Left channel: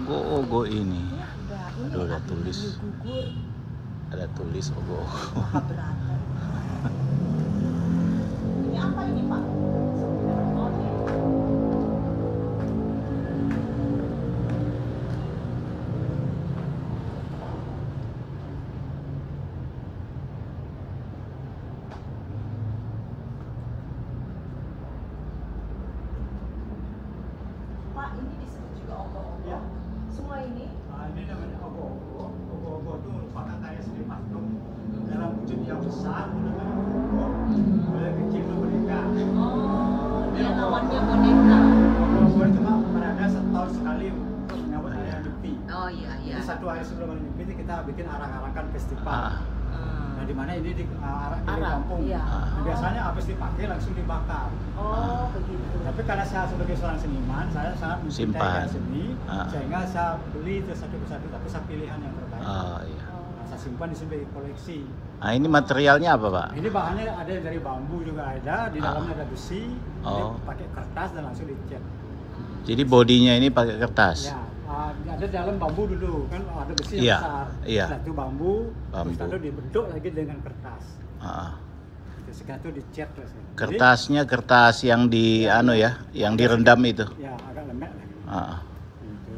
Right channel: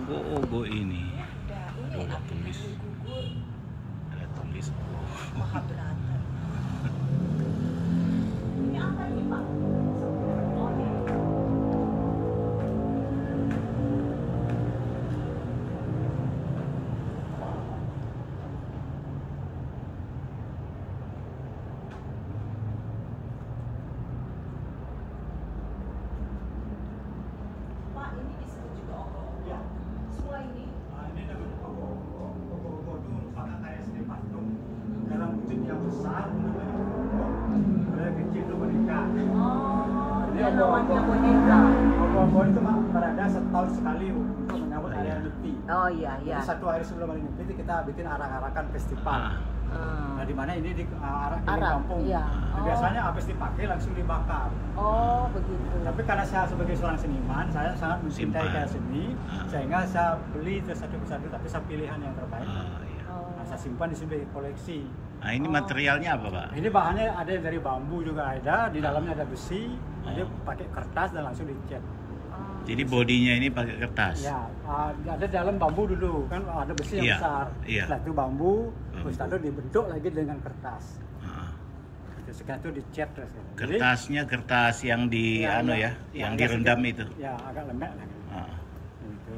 Ogo-ogo ini. Aduh, ada tulis ogo-ogo. Punya apa ini, Pak? Pak, ini disebut juga ogo-ogo. Iya. Semua ini Ini namanya ogo-ogo. Ogo-ogo itu merupakan kayak seni patung dalam wujud yang besar namanya ogo-ogo. Kalau yang kecil itu boneka. oh, dia lawannya boneka. Ogo-ogo itu mah berada setahun sekali untuk menyambut hari Nyepi. Oh iya iya. Jadi satu hari sebelum hari Nyepi kita bikin arak-arakan festival. Nah, di mana ini di arak di Arak, kampung. iya. Nah, biasanya habis dipakai langsung dibakar. Oh begitu. Tapi karena saya sebagai seorang seniman, saya sangat mencintai Simpan. karya seni, Ah. sehingga saya beli itu satu persatu, tapi saya pilihan yang terbaik. Iya. Nah, saya simpan di sini sebagai koleksi. Nah, ini materialnya apa, Pak? Ini bahannya ada yang dari bambu juga ada, di dalamnya ada besi, jadi Oh. pakai kertas dan langsung dicat. Jadi bodinya ini pakai kertas. Ya, ada dalam bambu dulu, kan ada besi yang Iya, besar. iya. Setelah itu bambu, Bambu. terus lalu dibentuk lagi dengan kertas. Ah. Itu setelah itu dicat terus. Jadi, Kertasnya kertas yang di Ya, anu ya. ya, yang Agak direndam sedikit. itu. Ya, agak lembek lah. Ah. Itu.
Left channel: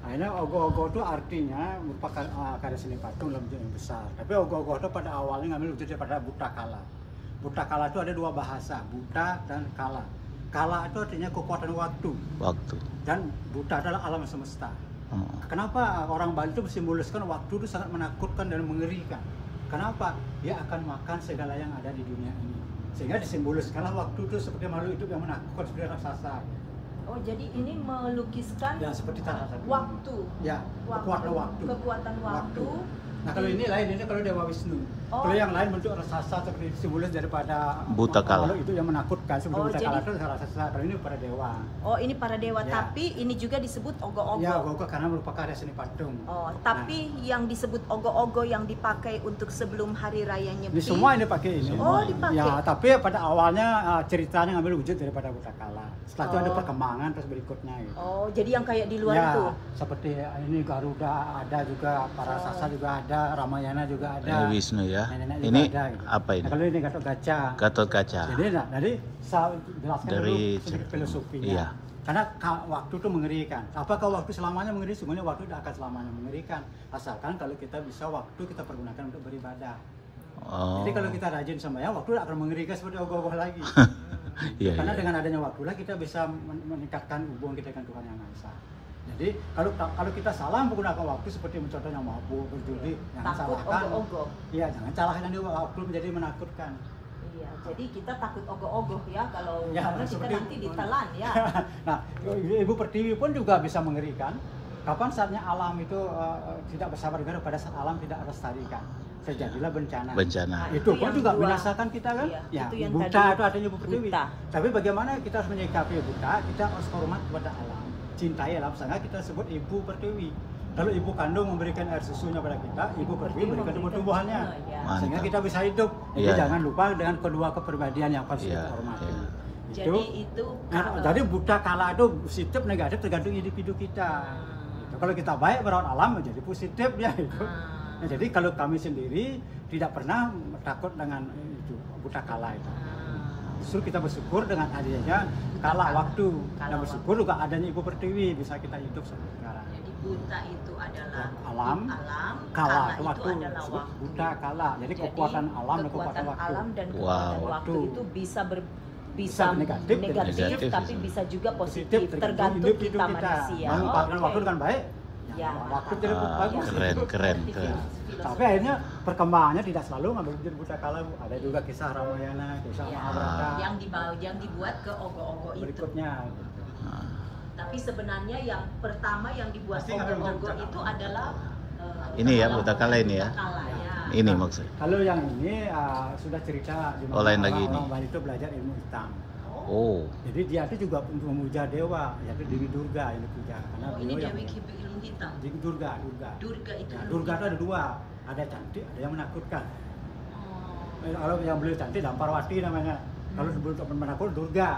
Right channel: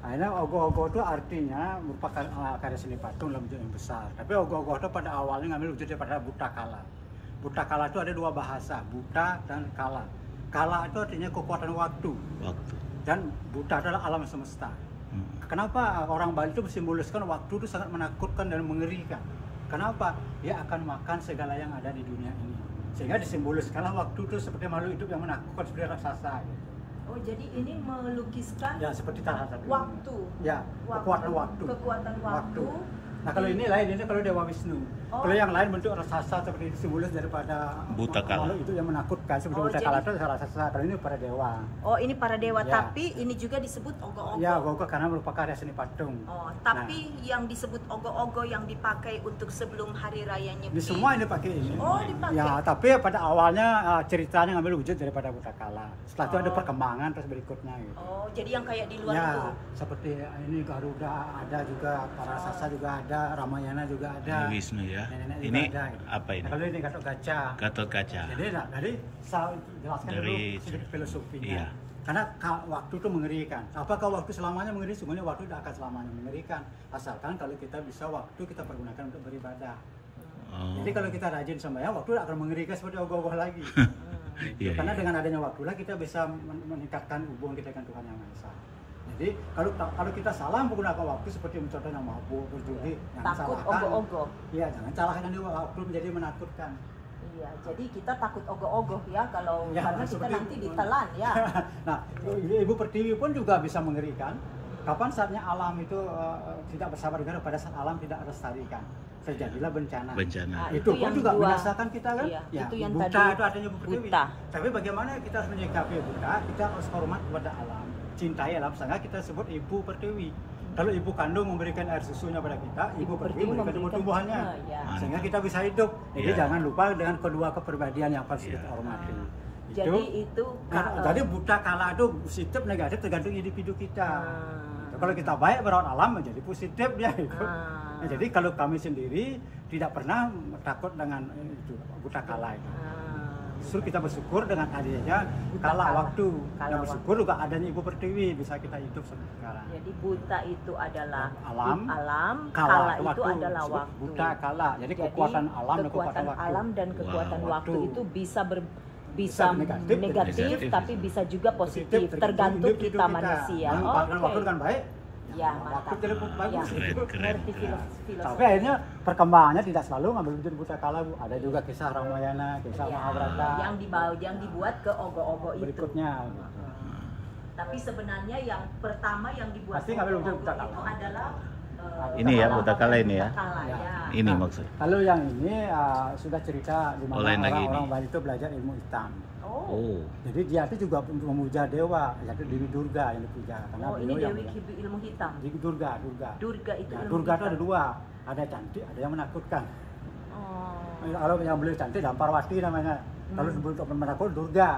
Akhirnya ogo-ogo itu artinya merupakan karya seni patung dalam wujud yang besar. Tapi ogo-ogo itu pada awalnya ngambil wujud daripada buta kala. Buta kala itu ada dua bahasa, buta dan kala. Kala itu artinya kekuatan waktu Waktu. dan buta adalah alam semesta. Hmm. Kenapa orang Bali itu mensimboliskan waktu itu sangat menakutkan dan mengerikan? Kenapa? Dia akan makan segala yang ada di dunia ini. Sehingga disimboliskanlah waktu itu seperti makhluk hidup yang menakutkan seperti raksasa. Gitu. Oh jadi ini melukiskan Ya seperti salah satu. waktu. Ya, kekuatan waktu. Kekuatan waktu. Nah kalau ini lain, ini kalau Dewa Wisnu. Oh. Kalau yang lain bentuk raksasa seperti simbolis daripada Buta kala. makhluk itu yang menakutkan seperti Oh, buta jadi- kala itu raksasa. Kalau ini para dewa. Oh ini para dewa, Ya. tapi ini juga disebut ogo-ogo. Ya, ogo karena merupakan karya seni patung. Oh, tapi yang disebut ogo-ogo yang dipakai untuk sebelum hari raya Nyepi. Ini semua ini pakai ini. Oh, dipakai. Ya, tapi pada awalnya ceritanya ngambil wujud daripada buta kala. Setelah itu ada Oh. perkembangan terus berikutnya gitu. Oh, jadi yang kayak di luar Ya, tuh. seperti ini Garuda ada juga, para sasa juga ada, Ramayana juga ada. Ini Wisnu ya. Nenek-nenek juga Ini ada, gitu. apa ini? Nah, kalau ini Gatot Kaca. Gatot kaca. Jadi, saya jelaskan Dari dulu sedikit filosofinya. iya. Karena waktu itu mengerikan. Apakah waktu selamanya mengerikan? Sebenarnya waktu tidak akan selamanya mengerikan. Asalkan kalau kita bisa waktu kita pergunakan untuk beribadah. Oh. Jadi kalau kita rajin sembahyang, waktu akan mengerikan seperti ogoh-ogoh lagi. Iya, Karena iya. dengan adanya waktu lah kita bisa meningkatkan hubungan kita dengan Tuhan Yang Maha Esa. Jadi kalau kita salah menggunakan waktu seperti mencontohnya mabuk, berjudi, jangan Takut salahkan. ogo-ogo. Iya, jangan salahkan di waktu menjadi menakutkan. Iya, jadi kita takut ogo-ogo ya kalau Ya, karena kita seperti nanti itu. ditelan ya. Nah, Ibu Pertiwi pun juga bisa mengerikan. Kapan saatnya alam itu tidak bersabar pada saat alam tidak lestarikan, terjadilah bencana. Bencana. Nah, Itu pun yang juga dua. binasakan kita kan? Iya, Ya, itu yang buta tadi itu artinya Ibu Pertiwi. buta. Tapi bagaimana kita harus menyikapi buta? Kita harus hormat kepada alam, cintai alam, sehingga kita sebut Ibu Pertiwi. Kalau ibu kandung memberikan air susunya pada kita, ibu pertiwi memberikan tumbuh-tumbuhannya, ya. sehingga Mantap. kita bisa hidup. Jadi Iya. jangan lupa dengan kedua kepribadian yang harus Iya, kita hormati. iya. Jadi itu Jadi buta kala itu positif negatif tergantung individu kita. Ah. Kalau kita baik merawat alam menjadi positif ya itu. Ah. Nah, jadi kalau kami sendiri tidak pernah takut dengan itu buta kala itu. Justru kita bersyukur dengan adanya kala waktu dan bersyukur juga adanya Ibu Pertiwi bisa kita hidup sampai sekarang. Jadi buta itu adalah Alam, kala itu itu waktu, adalah disebut waktu. buta kala. Jadi kekuatan alam dan kekuatan waktu. alam dan kekuatan Wow. waktu Waktu. itu bisa Bisa negatif, negatif, tapi bisa. bisa juga positif tergantung individu kita manusia. Memanfaatkan Oke. waktu dengan baik. Ya, waktu mantap. jadi Ah, bagus. keren, keren, Ngerti keren. filosofi. Tapi akhirnya perkembangannya tidak selalu ngambil wujud buta kala, Bu. Ada juga kisah Ramayana, kisah Ya, Mahabharata. yang dibuat ke ogo-ogo itu. Berikutnya. Nah, Tapi sebenarnya yang pertama yang dibuat Pasti ngambil wujud ogo-ogo buta kala. itu adalah Ini ya, buta kala ini ya? Buta kala, ya. ini maksudnya. Kalau yang ini sudah cerita di Oh, lain lagi orang ini. Bali itu belajar ilmu hitam. Oh, Oh, Jadi dia itu juga untuk memuja dewa, yaitu Dewi Durga yang dipuja. Karena oh ini beliau Dewi yang- ilmu hitam. Dewi Durga. Durga itu Nah, ilmu Durga itu hitam. ada dua, ada cantik, ada yang menakutkan. Oh. Kalau yang beliau cantik, Damparwati namanya. Kalau sebelum menakut Durga.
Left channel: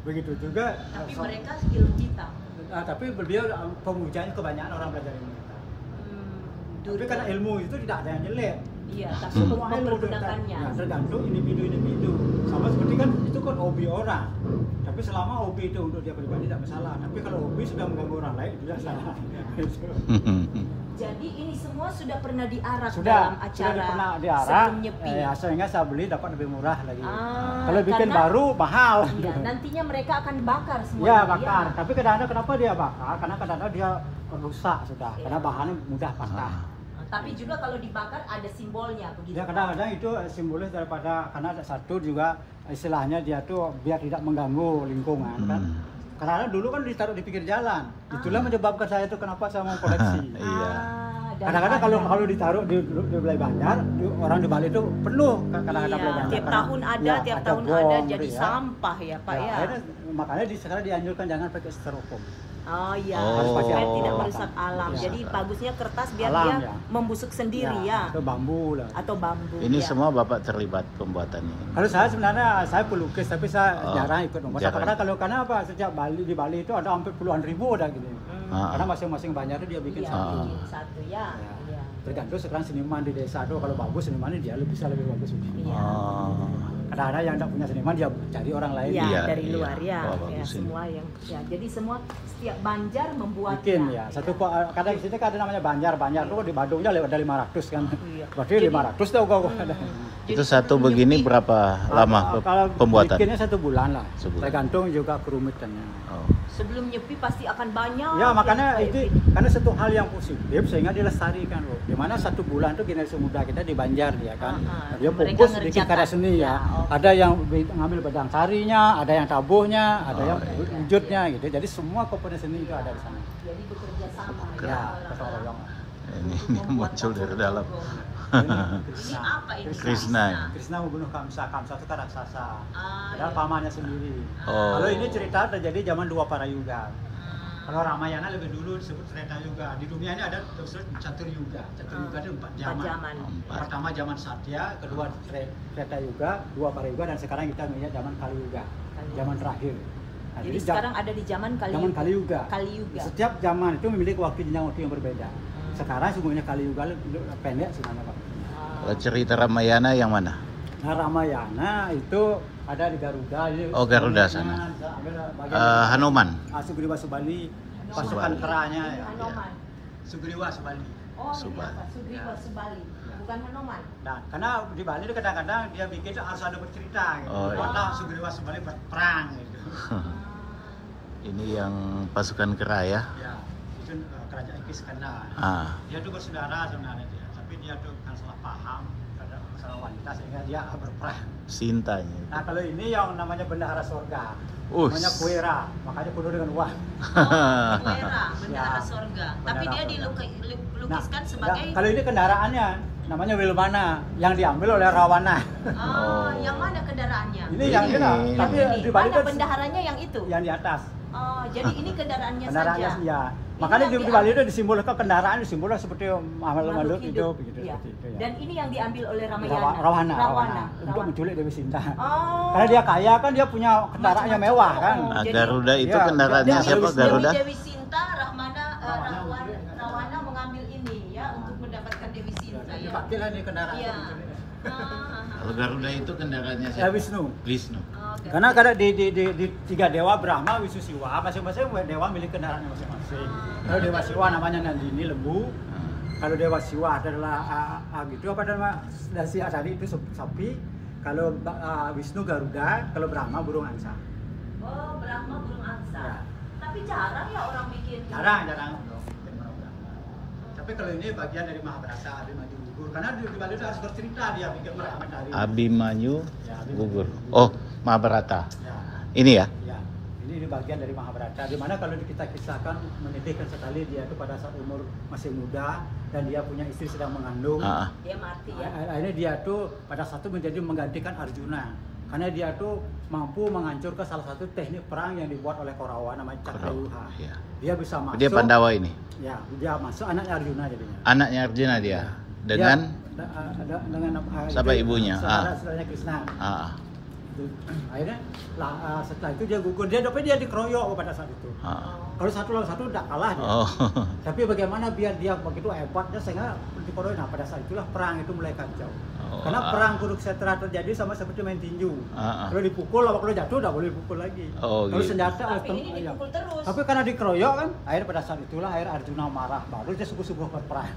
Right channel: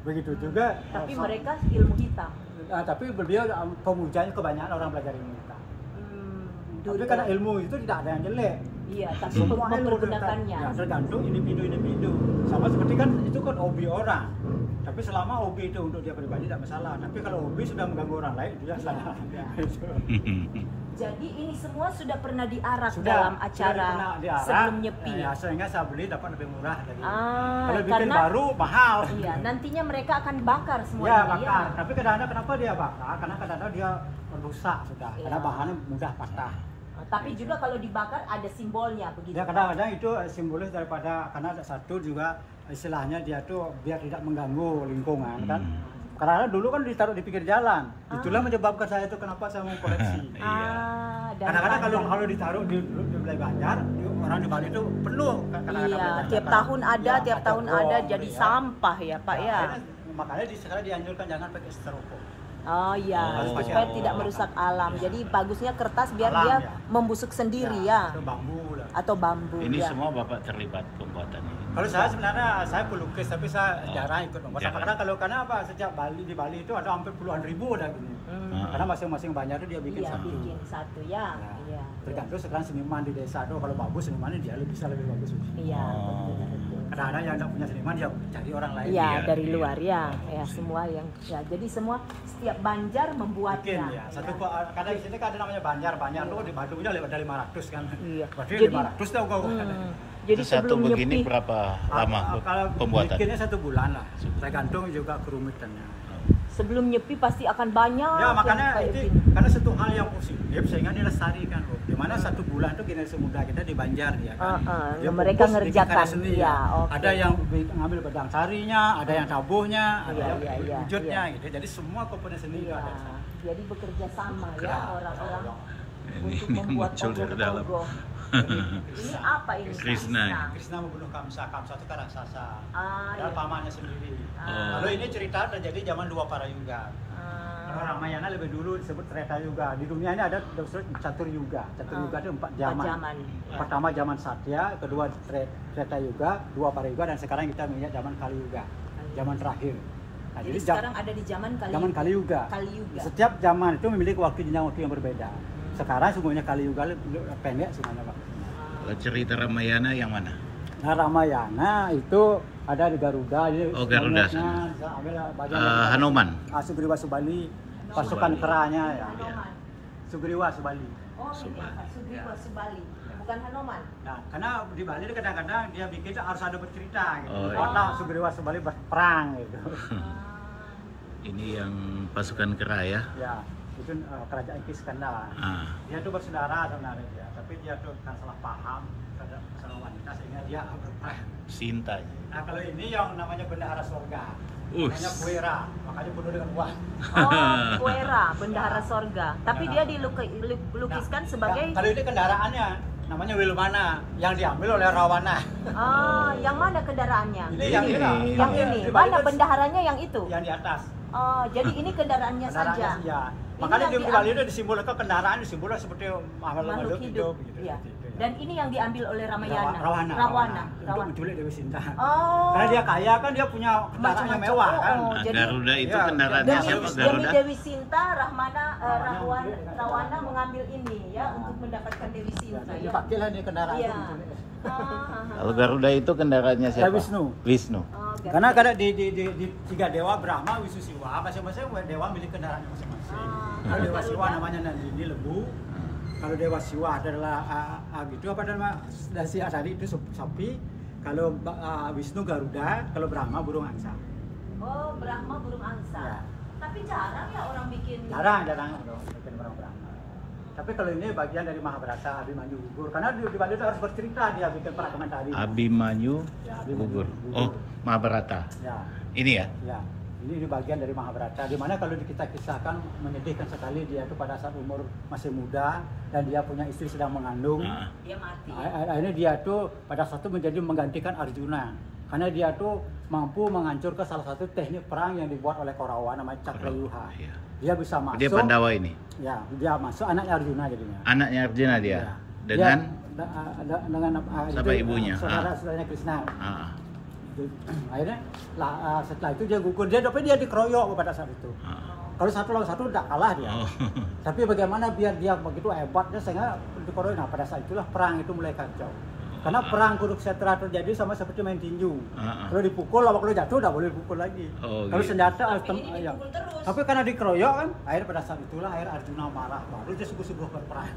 Begitu juga. Tapi mereka ilmu hitam. tapi beliau pemujanya kebanyakan orang belajar ilmu. Tapi karena ilmu itu tidak ada yang jelek. Iya, tapi Semua ilmu mempergunakannya. ya, tergantung individu. Sama seperti kan itu kan hobi orang. Tapi selama hobi itu untuk dia pribadi tidak masalah. Tapi kalau hobi sudah mengganggu orang lain itu salah. Jadi ini semua sudah pernah diarak Sudah dalam acara pernah diarak, sebelum nyepi. sehingga saya beli dapat lebih murah lagi. Kalau bikin karena- baru mahal. Iya, nantinya mereka akan bakar semua Ya, ini, bakar. Tapi kadang-kadang kenapa dia bakar? Karena kadang-kadang dia rusak sudah. Iya. Karena bahannya mudah patah. Tapi juga kalau dibakar ada simbolnya begitu. Ya kadang-kadang itu simbolis daripada karena satu juga istilahnya dia tuh biar tidak mengganggu lingkungan kan. Karena dulu kan ditaruh di pinggir jalan. Itulah menyebabkan saya itu kenapa saya mau koleksi. Dan Kadang-kadang kalau ditaruh di Balai Banjar, orang di Bali itu penuh. iya, tiap tahun ada, tiap tahun ada jadi sampah ya Pak ya. Makanya sekarang dianjurkan jangan pakai styrofoam. Oh iya, Oh. supaya tidak merusak alam. Iya. Jadi bagusnya kertas biar Alam, dia ya. membusuk sendiri ya, Itu bambu lah. atau bambu. Ini ya. semua Bapak terlibat pembuatan ini. Kalau saya sebenarnya saya pelukis tapi saya Oh, jarang ikut membuat. jarang. Karena apa? Sejak Bali di Bali itu ada hampir puluhan ribu udah gitu. Ah. Karena masing-masing banjar itu dia bikin Iya, satu. bikin satu ya. Ya. Iya. Tergantung sekarang seniman di desa tuh kalau bagus senimannya dia bisa lebih bagus. Iya. Oh. Kadang-kadang yang tidak punya seniman dia cari orang lain. Iya, Iya, dari iya. luar ya, Oh, ya bagus semua yang ya. Jadi semua setiap Banjar membuatnya. Bikin ya. Satu kadang di sini kan ada namanya Banjar itu di Bandungnya ada 500 kan. Iya. Berarti Jadi- 500 tuh kok. Itu satu sebelum begini nyepi- berapa lama Kalau pembuatan? bikinnya 1 bulan lah. Sebulan. Tergantung juga kerumitannya. Oh. sebelum nyepi pasti akan banyak. Ya makanya yang kayak itu gitu. karena satu hal yang positif sehingga dilestarikan loh. Dimana 1 bulan tuh generasi muda kita di Banjar ya kan. Dia mereka fokus bikin ngerjakan. karya seni ya. Ya, oke. Ada yang ngambil pedang sarinya, ada yang tabuhnya, ada yang iya, iya, wujudnya gitu. Jadi semua komponen seni itu ada di sana. Jadi bekerja sama ya Keren. orang-orang. Ini untuk membuat muncul dari baju dalam. logo. Ini apa ini? Krishna. Krishna membunuh Kamsa itu kan raksasa. Ah, iya. Pamannya sendiri. Oh. Kalau ini cerita terjadi zaman dua Parayuga. Kalau Ramayana lebih dulu disebut Treta Yuga. Di dunia ini ada disebut Catur Yuga. Catur Yuga itu 4 zaman. Zaman. Pertama zaman Satya, kedua Treta Yuga, 2 Parayuga, dan sekarang kita melihat zaman Kali Yuga, zaman terakhir. Nah, Jadi sekarang ada di zaman zaman Kali Yuga. Kali Yuga. Setiap zaman itu memiliki waktu jenjang waktu yang berbeda. Sekarang sungguhnya Kali Yuga pendek sebenarnya Pak. Kalau cerita Ramayana yang mana? Nah Ramayana itu ada di Garuda. Oh, Garuda sana. Hanuman. Sugriwa Subali, pasukan Subali. keranya ya. Hanoman. Sugriwa Subali. Oh, ini Subali. apa? Sugriwa Subali. Bukan Hanoman. Nah, karena di Bali itu kadang-kadang dia bikin itu harus ada bercerita gitu. Oh, iya. Kota Sugriwa Subali berperang gitu. Ini yang pasukan kera ya. Ya, itu kerajaan Kiskandar. Ah. Dia tuh bersaudara sebenarnya dia, tapi dia tuh kan salah paham terhadap masalah wanita sehingga dia berperang. Sintanya. Nah, kalau ini yang namanya bendahara surga. Us. Namanya Puera, makanya kudu di luar. Oh, Puera, bendahara sorga. Tapi dia dilukiskan sebagai Kalau ini kendaraannya namanya Wilmana yang diambil oleh Rawana. yang mana kendaraannya? Ini Ini. yang Yang di- ini. di Bali Mana itu bendaharanya yang itu? yang di atas. Oh, jadi ini kendaraannya saja. Kendaraannya ya. Ini Makanya yang di Bali itu disimbolkan kendaraan disimbolkan seperti makhluk hidup. gitu. Iya. seperti itu, ya. Dan ini yang diambil oleh Ramayana. Rawana. Untuk menculik Dewi Sinta. Oh. Karena dia kaya kan dia punya kendaraannya Macam-macam. mewah kan. Oh, Nah, jadi- Garuda itu Iya. kendaraannya Dewi- siapa? Garuda? Dewi Sinta, Rawana mengambil ini ya untuk mendapatkan Dewi Sinta ya. Dipakailah di kendaraan Iya. itu menculik. Kalau Garuda itu kendaraannya siapa? Wisnu. Wisnu. Oh, Karena kadang di 3 dewa Brahma, Wisnu, Siwa, masing-masing dewa milik kendaraan masing-masing. Kalau dewa Siwa namanya Nandini lembu. Kalau dewa Siwa adalah gitu apa nama dari tadi itu sapi. Kalau Wisnu Garuda, kalau Brahma burung angsa. Oh, Brahma burung angsa. Ya. Tapi jarang ya orang bikin. Jarang bikin burung Brahma. Tapi kalau ini bagian dari Mahabharata Abhimanyu gugur. Karena di Bali itu harus bercerita dia bikin perakaman tari. Abimanyu gugur. Oh, Mahabharata. Ya. Ini ya? Ya, ini bagian dari Mahabharata. Dimana kalau kita kisahkan menyedihkan sekali dia itu pada saat umur masih muda dan dia punya istri sedang mengandung. Ah. Dia mati ya. Akhirnya dia tuh pada satu menjadi menggantikan Arjuna. Karena dia tuh mampu menghancurkan salah satu teknik perang yang dibuat oleh Korawa namanya Cakrayuha. Iya. Dia bisa masuk. Dia Pandawa ini. Ya, dia masuk anaknya Arjuna jadinya. Anaknya Arjuna dia. Ya. Dengan dengan siapa ibunya? Saudaranya Krishna. ah. Akhirnya setelah itu dia gugur, dia dikeroyok pada saat itu. Ah. Kalau satu lawan satu tidak kalah dia. Oh. Tapi bagaimana biar dia begitu hebatnya sehingga untuk Korea, nah pada saat itulah perang itu mulai kacau. Karena perang Kurukshetra terjadi sama seperti main tinju. Kalau dipukul, kalau jatuh udah boleh dipukul lagi. Kalau senjata, ya. Tapi karena dikeroyok kan, akhirnya pada saat itulah Arjuna marah, baru dia sungguh-sungguh berperang.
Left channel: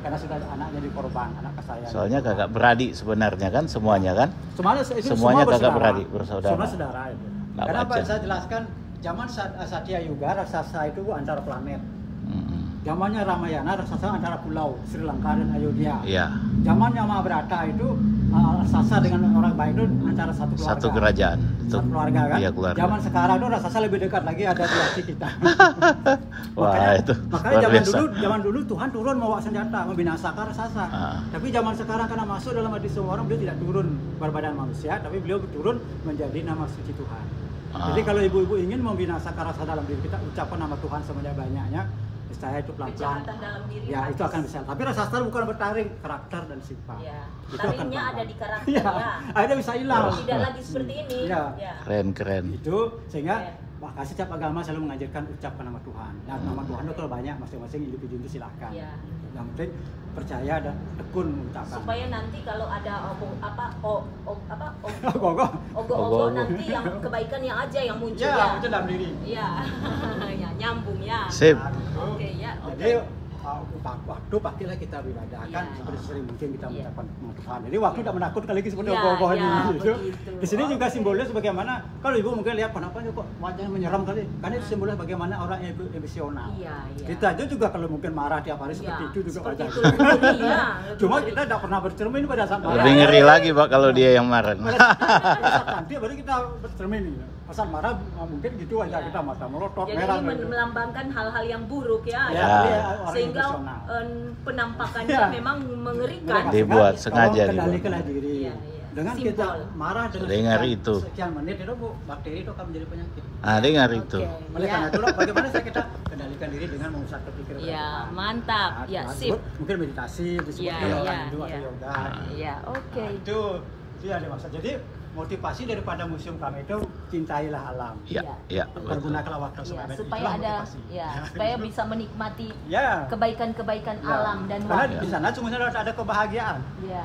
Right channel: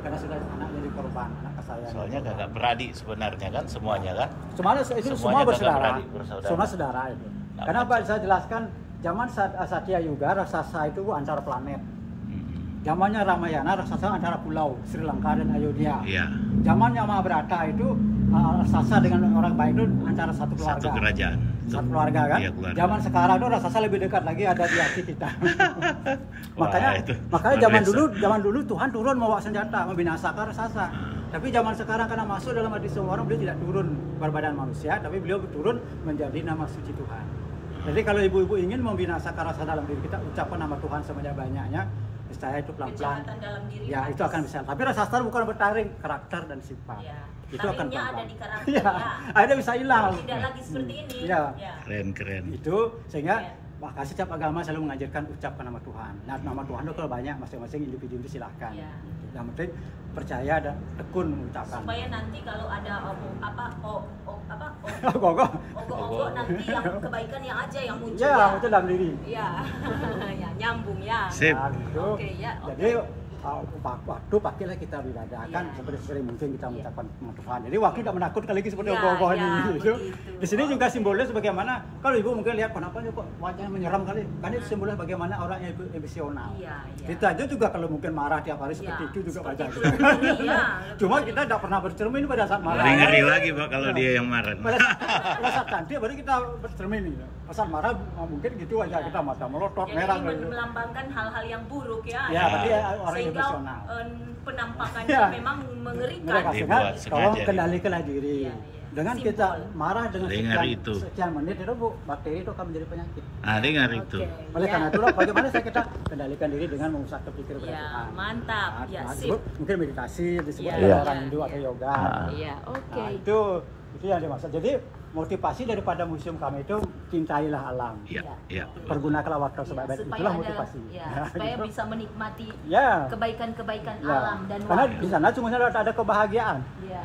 Karena sudah anaknya dikorban, anak kesayangan. Soalnya kakak beradik sebenarnya kan semuanya kan? Semuanya itu semua Semuanya kakak bersaudara. beradik, bersaudara. Semua saudara itu. Nah, Karena Pak wajar. saya jelaskan zaman Satya Yuga raksasa itu antara planet. Zamannya Ramayana raksasa antara pulau Sri Lanka dan Ayodhya. Iya. Zamannya Mahabharata itu raksasa dengan orang baik itu antara satu keluarga. Satu kerajaan. Satu keluarga kan? Iya, keluarga. Zaman sekarang itu raksasa lebih dekat lagi ada di hati kita. Wah, itu makanya luar biasa. zaman dulu Tuhan turun membawa senjata membinasakan raksasa. Tapi zaman sekarang karena masuk dalam hati semua orang, beliau tidak turun berbadan manusia, tapi beliau turun menjadi nama suci Tuhan. Jadi kalau ibu-ibu ingin membinasakan rasa dalam diri kita, ucapkan nama Tuhan sebanyak-banyaknya. Saya itu pelan-pelan, ya itu akan bisa. Tapi raksasa bukan bertaring, karakter dan sifat. Ya. Itu akan Taringnya pelan-pelan. ada di karakter, Ya, akhirnya bisa hilang. Tidak lagi seperti ini. Ya. Keren. Itu sehingga maka setiap agama selalu mengajarkan ucapkan nama Tuhan. Nah, nama Tuhan itu kalau banyak masing-masing individu itu silahkan. Ya. Yang penting percaya dan tekun mengucapkan. Supaya nanti kalau ada Ogo-ogo. nanti yang kebaikan yang aja yang muncul Ya, ya. itu dalam diri. Ya, ya nyambung ya. Sip. Nah, gitu. Oke ya. Jadi waktu pakailah kita beribadakan Ya. seperti sering mungkin kita Ya. mengucapkan nama Tuhan. Jadi waktu tidak menakutkan lagi seperti Ya, ogoh-ogoh ya, ini. Gitu. begitu. Di sini juga simbolnya sebagaimana kalau ibu mungkin lihat kenapa kok wajahnya menyeram kali. Karena itu simbolnya bagaimana orang yang emosional. Iya, iya. Kita aja juga kalau mungkin marah tiap hari seperti Ya, itu juga seperti wajah itu. kita. Iya, Cuma betul. kita tidak pernah bercermin pada saat marah. Lebih ngeri Ya. lagi Pak kalau dia yang marah. Pada saat cantik baru kita bercermin gitu. Pas saat marah mungkin gitu wajah kita mata melotot Jadi merah ini gitu. melambangkan hal-hal yang buruk ya. Ya, tapi orang Sehingga emosional. Penampakannya Ya. memang mengerikan. Mereka Dibuat sengaja, tolong sengaja kendalikanlah diri. Iya, iya. Dengan Simbol. kita marah dengan Dengar itu. sekian menit itu Bu, bakteri itu akan menjadi penyakit. Dengar itu. Oleh Ya. karena itulah bagaimana kita kendalikan diri dengan memusatkan pikiran kepada Ya, Tuhan. mantap. Nah, Ya, Tuhan sip. disebut mungkin meditasi disebut Ya, oleh ya, orang Hindu atau ya. yoga. Iya, oke. Nah, itu yang dimaksud. Jadi motivasi daripada museum kami itu cintailah alam. Ya, Ya. ya. Pergunakanlah waktu Ya, sebaik-baik. supaya Itulah ada motivasi. ya, supaya bisa menikmati Ya. kebaikan-kebaikan Ya. alam dan Karena waktu. di sana sungguhnya ada kebahagiaan. Ya.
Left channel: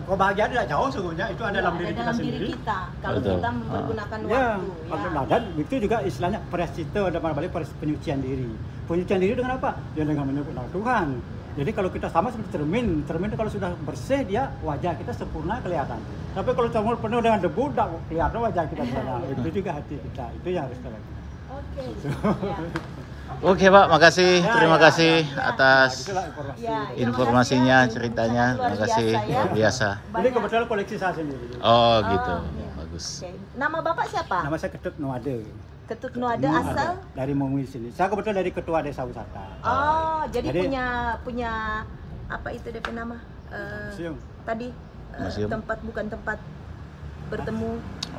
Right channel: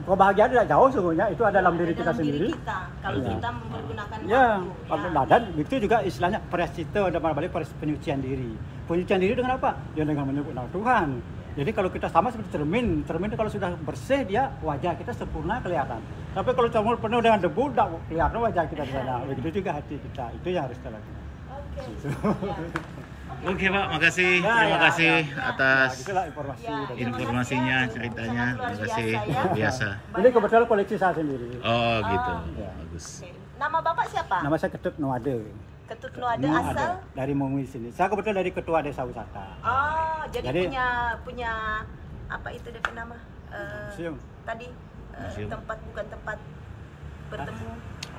Kebahagiaan tidak jauh sungguhnya, itu ada dalam Ada diri kita dalam sendiri. diri kita kalau Betul. kita mempergunakan Ya, waktu. nah, dan itu juga istilahnya prasita dan balik penyucian diri. Penyucian diri dengan apa? Ya dengan menyebut nama Tuhan. Jadi kalau kita sama seperti cermin itu kalau sudah bersih dia wajah kita sempurna kelihatan. Tapi kalau cermin penuh dengan debu, tidak kelihatan wajah kita di sana. Begitu juga hati kita. Itu yang harus kita lakukan. Oke. Oke Pak, makasih. Ya, Terima ya, kasih ya. atas Nah, gitulah informasi. Ya. dari- informasinya, ceritanya. Luar Terima kasih. biasa, ya. Luar biasa. Ini kebetulan koleksi saya sendiri. Oh gitu. Oh. Bagus. Oke. Nama Bapak siapa? Nama saya Ketut Nuade. Ketut Nuada asal? Dari Mongwi sini. Saya kebetulan dari Ketua Desa Wisata. Oh, jadi Jadi- punya apa itu dia nama? Museum. Tadi Museum. tempat bukan tempat bertemu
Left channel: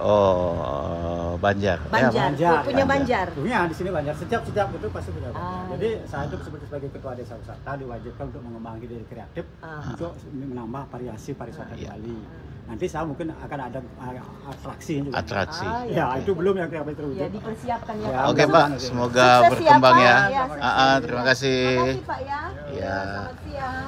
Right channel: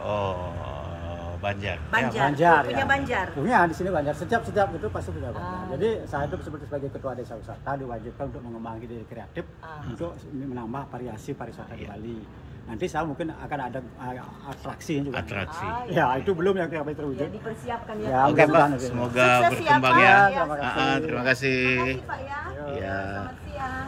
Oh, Banjar. Banjar. Banjar, Punya ya. Banjar. Punya di sini Banjar. Setiap itu pasti punya Banjar. Oh. Jadi saya itu sebagai ketua desa wisata diwajibkan untuk mengembangkan diri kreatif untuk menambah variasi pariwisata di Iya. Bali. Nanti saya mungkin akan ada atraksi juga. Atraksi. Ya, itu belum yang kami Ya, terwujud. dipersiapkan ya. Ya, Oke Pak, mudah-mudahan nanti. semoga Sukses ya, berkembang Pak. ya. Ya, Terima kasih. Terima kasih Pak ya. Ya. Selamat siang.